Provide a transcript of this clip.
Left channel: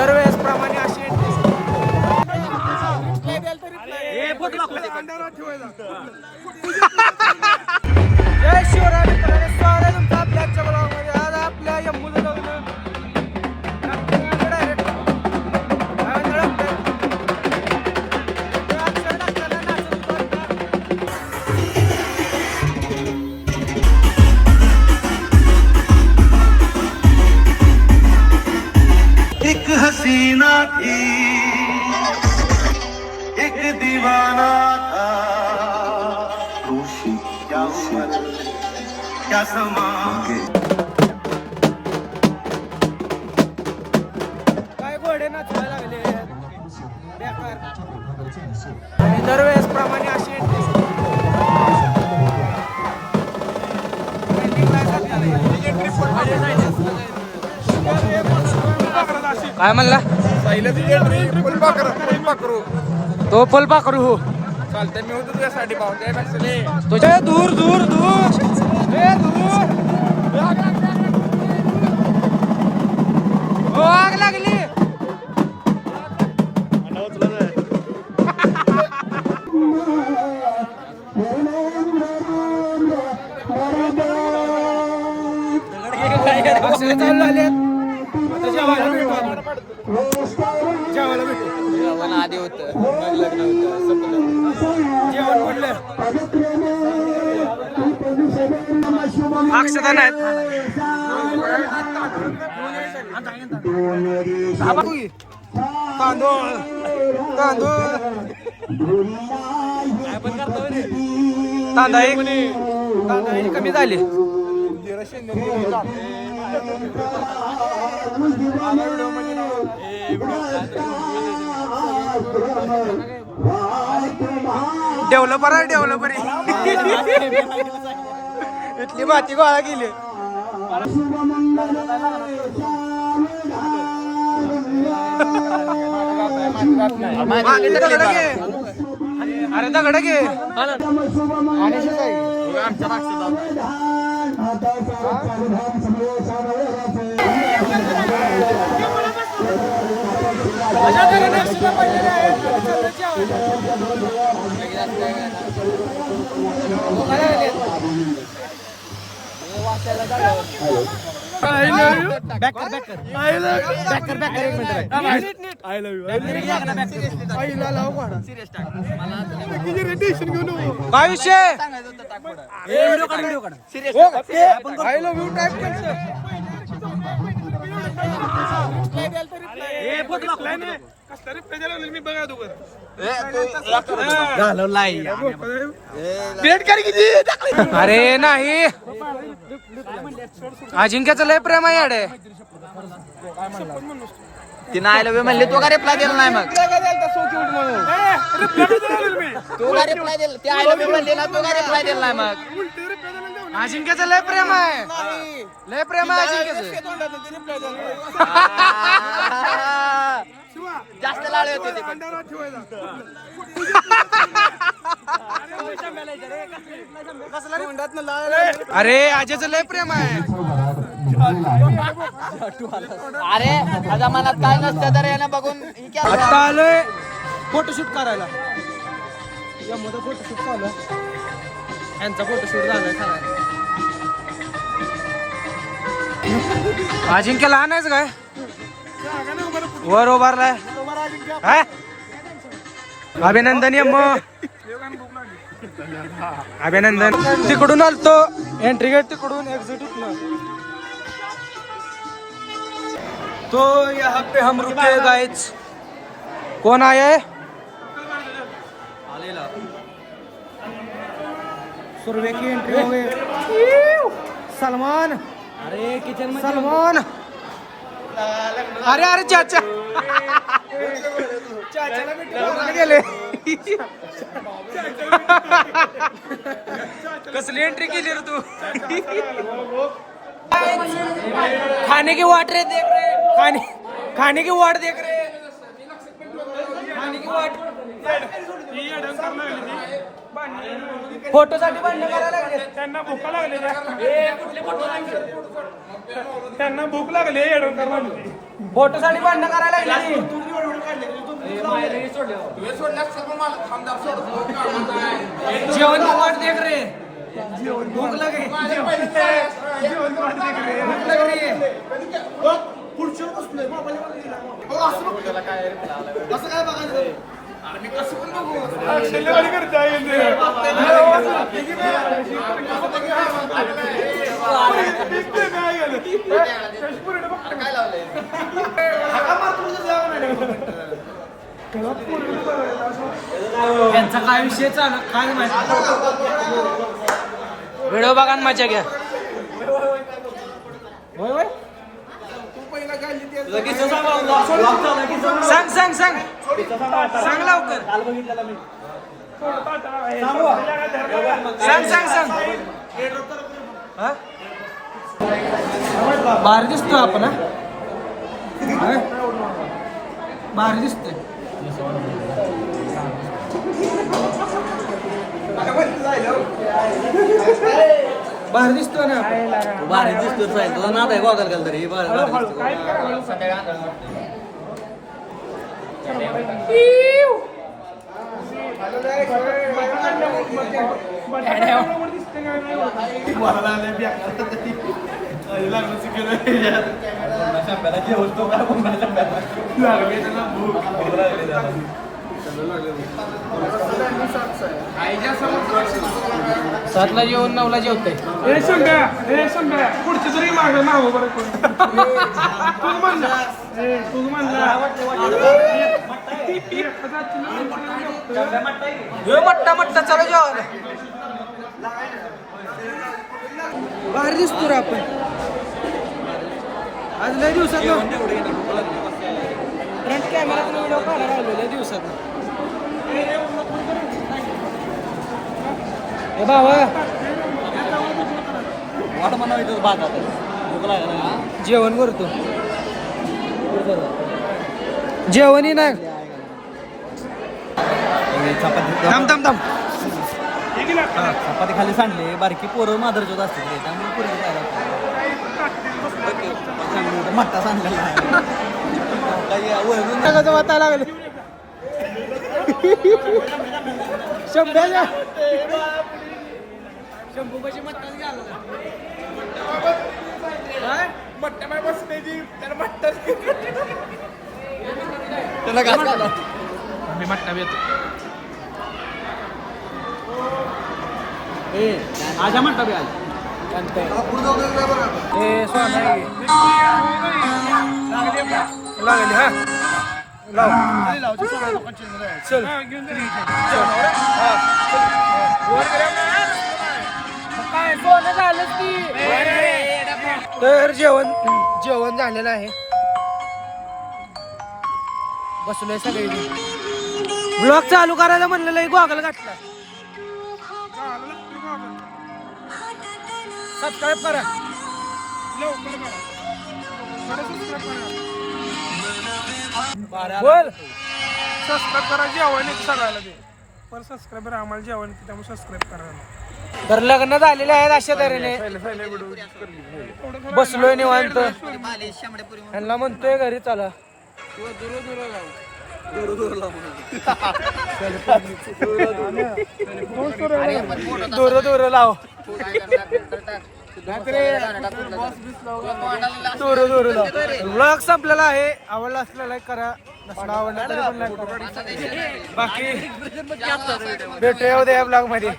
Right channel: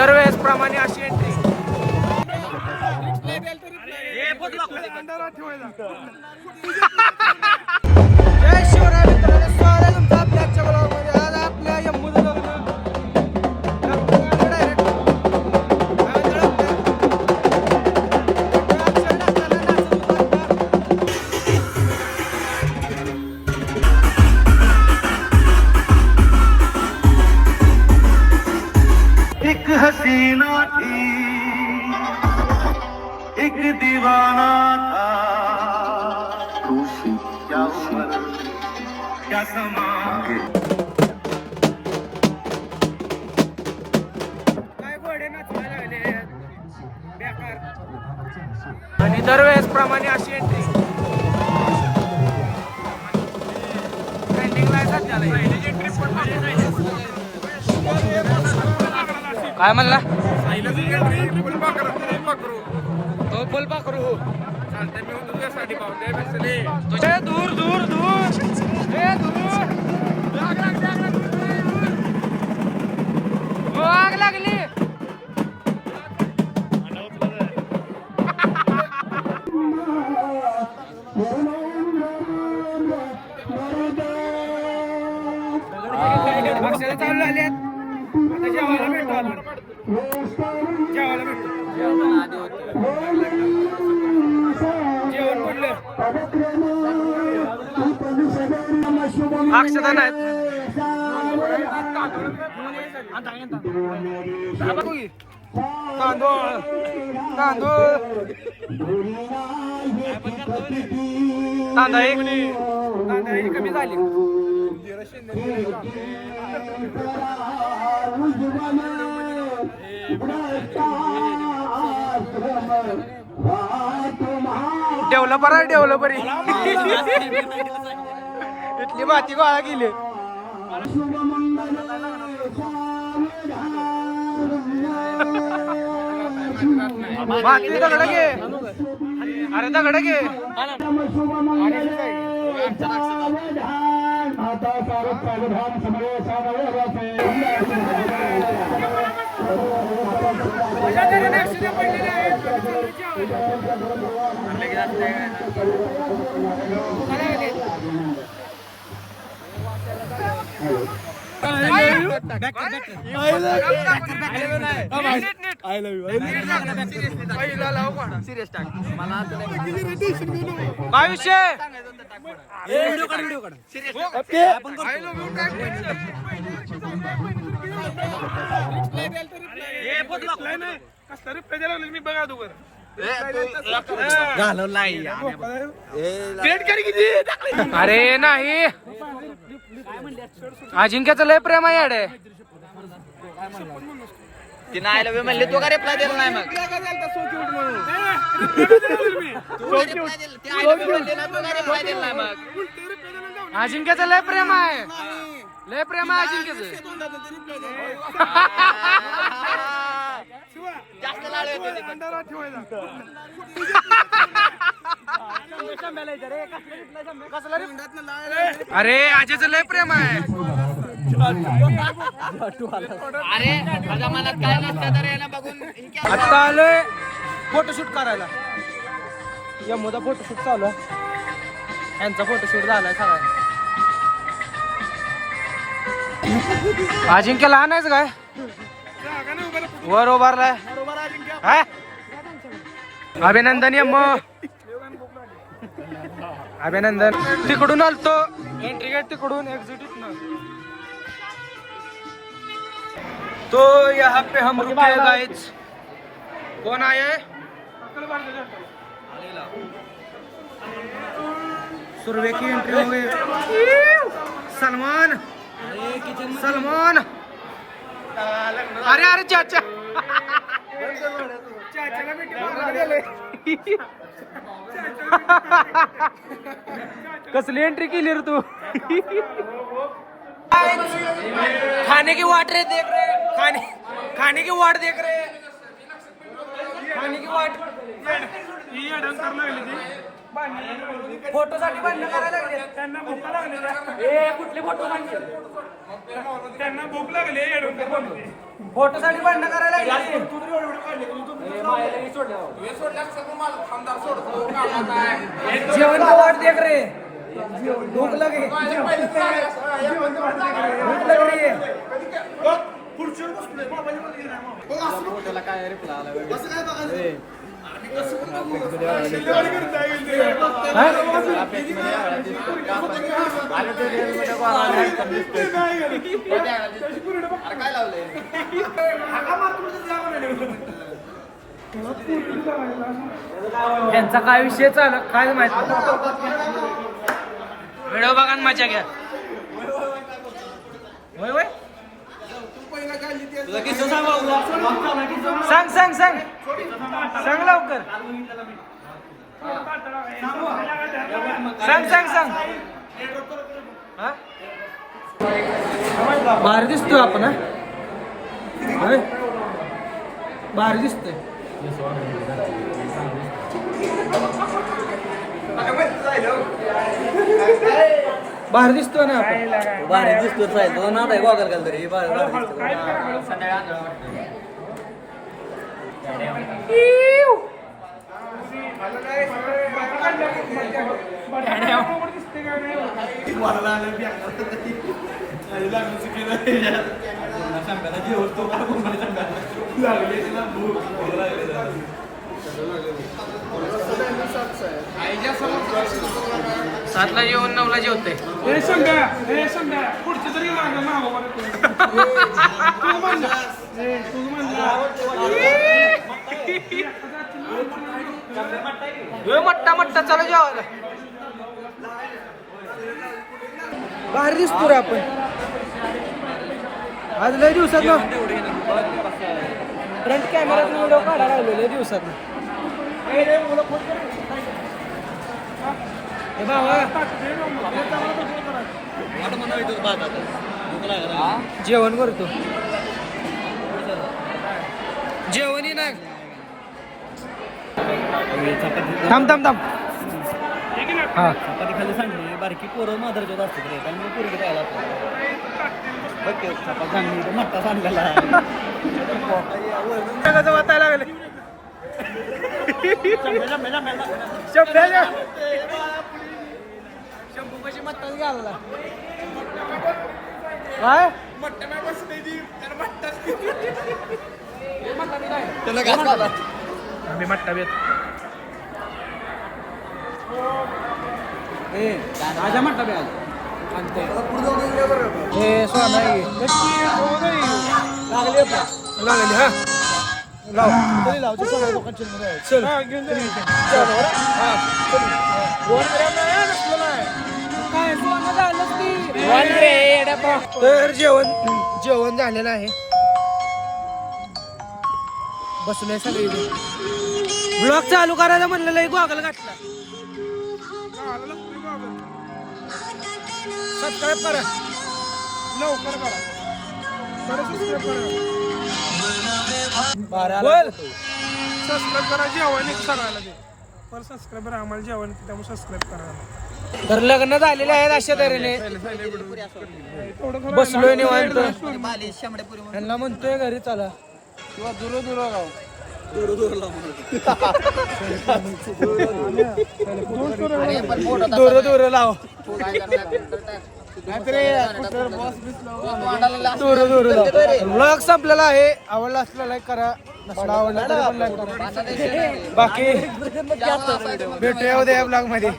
दरवेळेस प्रमाणे अशी एंट्री. जय शिवराय मित्रांनो, स्वागत आहे तुमचं आपल्या आजच्या ब्लॉगमध्ये. आज आपल्या यम्मूचं लग्न डायरेक्ट एक हसीना थी, एक दीवाना था, खुशी क्या समा. काय घोडे नाचवायला लागले बेकार. आणि दरवेळेस प्रमाणे अशी एंट्री. काय म्हणला तो फुल पाखरू तुझ्या दूर दूर दूर दूर हो, आग लागली. चालू आले आता जेवायला भेटू आपण. जेवायला भेटू. जेवण आधी होतं, लग्न होतं, जेवण पडलं. अक्षता नाहीत. तांदूळ तांदूळ तांदळाची कमी झाली. डेव्हलपर आहे डेव्हलपर. इथली माती गोळा केली. दगड घे, अरे दगड घे. काय विषय मी बघा तू अरे नाही. अजिंक्याचं लय प्रेम आहे याडे. तिनं आय लव्ह यू म्हणले, तो का रिप्लाय दिला नाही. मग तो का रिप्लाय दिला, ते आय लव्ह यू म्हणले ना, तो का रिप्लाय दिला नाही. मग अजिंक्याचं लय प्रेम आहे, लय प्रेम आहे अजिंक्याचं. जास्त लाळे होते. अरे आजीचं लय प्रेम आहे. अरे माझ्या मनात काय नसतं तर यानं बघून आता आलोय फोटोशूट करायला. यमुदा फोटोशूट चालू आहे. यांचा फोटोशूट झालाय सगळा. अजिंक्य लहान आहेच काय वर उभारलाय. अभिनंदन यम, अभिनंदन. तिकडून आलतो एंट्री गेट तिकडून, एक्झिट उठणं. तो यहाँ पे हम रुके गाइस. कौन आया है? सुरवे की एंट्री हो गई. सलमान, सलमान. अरे अरे चाचा चाचाला भेटी गेले. कसली एंट्री केली रे तू. खाने की वाट रे देख रहे, खाने की वाट देख रहे, खाने की वाट. फोटोसाठी भांडण करायला लागले. त्यांना भूक लागली फोटोसाठी भांडण करायला लागले. जेवण वाट देत रे. भूक लागली. यांचा काय विषय चालू काय माहिती. व्हिडिओ बघा आणि मजा घ्या. होय होय सांग सांग सांग सांग लवकर सांग सांग सांग. हा भारी दिसतोय आपण. हा भारी दिसतोय. भारी दिसतोय ना. भारी दिसतो साहेब तो ना आहे बघायला गेलं तरी भारी दिसतो. सातला जेवण 9ला जेवतोय. पुढची तरी मागं नाव बरं मट्टा मट्टा चालू जेवायला. भारी दिसतो रे आपण. आज लय दिवसात फ्रंट कॅमेरात व्हिडिओ काढायला लागलो. लय दिवसात बाबा जेवण करतो. जेवण ना थांब थांब थांब. हा चपाती खाली सांडली बारकी पोरं माधुरचोत असते रे त्यामुळे पोरगी राहायला मट्टा सांडलेला वाटायला लागलं. शंभू पाशी मट्टाच घालला. काय मट्टा नाही बसण्याची त्याला मट्टा त्याला काय आम्ही मट्टा येतो. माझ्या मट्टा बी आज लागली हा लाव चल हा तर जेवण झालेलं आहे. बसलोय सगळी. ब्लॉग चालू करायला म्हणलेलं गॉगल घातला. सबस्क्राईब करा लवकर सबस्क्राईब करा. बोल सबस्क्राईब करा. जेवण येते सगळ्याला ते पण सबस्क्राईबर आम्हाला जेवण येते त्यामुळे सबस्क्राईब करा. तर लग्न झालेले आहेत अशा तऱ्हेने. बसलोय निवांत. त्यांना म्हणतोय घरी चला किंवा दूर दूर राहू. दूर दूर लाव दूर दूर लाव. व्लॉग संपलेला आहे. आवडला असला लाईक करा. नसला आवडला तरी पण लाईक करा. बाकी भेटूया उद्या या ब्लॉग मध्ये.